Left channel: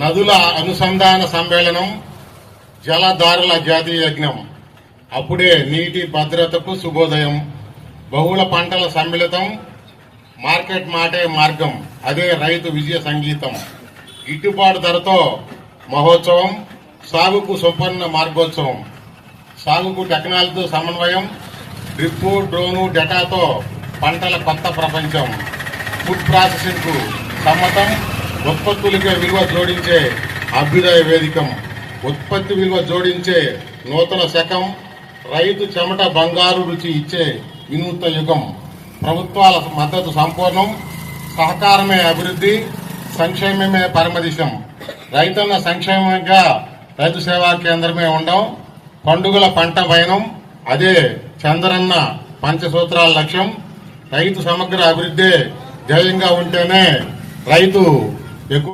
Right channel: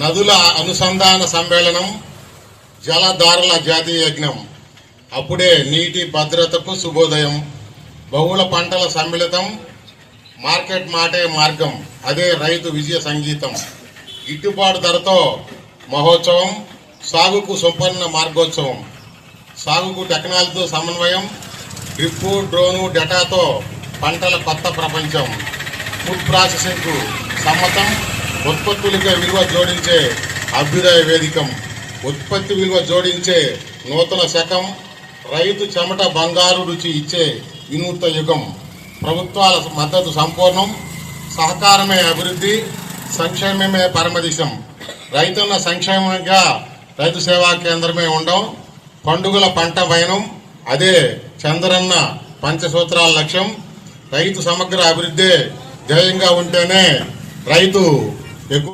నదుల అనుసంధాన సమ్మేళనం, జలధారుల జాతీయ యజ్ఞం. అప్పుడే నీటి భద్రతకు శుభోదయం. బహుళ పంటల సమ్మిళితం, మార్కెట్ మాటే మార్గం, అదే రైతు విజయ సంగీతం. గిట్టుబాటు ధరతో మహోత్సవం, సాగుకు సంపన్న మార్గోత్సవం. సాగుకు టెక్నాలజీతో సమన్వయం, డ్రిప్పు, డ్రోను, డేటాతో పంటల కొత్త ప్రపంచం. ఫుడ్ ప్రాసెసింగ్ కు సమ్మతం, ఉత్పత్తులకే విలువ జోడించే అభ్యుదయ వేదికం. ఉత్పత్తి విలువ జోడించే నూతన శకం, రైతు చెమట బంగారు రుచి ఇచ్చే వినూత్న యుగం. ప్రభుత్వాల మద్దతు సంపూర్ణం, సహకారమే అభివృద్ధి, సంక్షేమమే పరమదిశం. రైతన్న సంక్షేమంగా రైతు సేవా కేంద్రమే ఉండం. పండుగల పంట వైనం, అదే చంద్రన్న పంచసూత్రాల లక్ష్యం. రైతు సమగ్ర అభివృద్ధి ధ్యేయంగా ఉంటేనే రైతు ఎక్కువ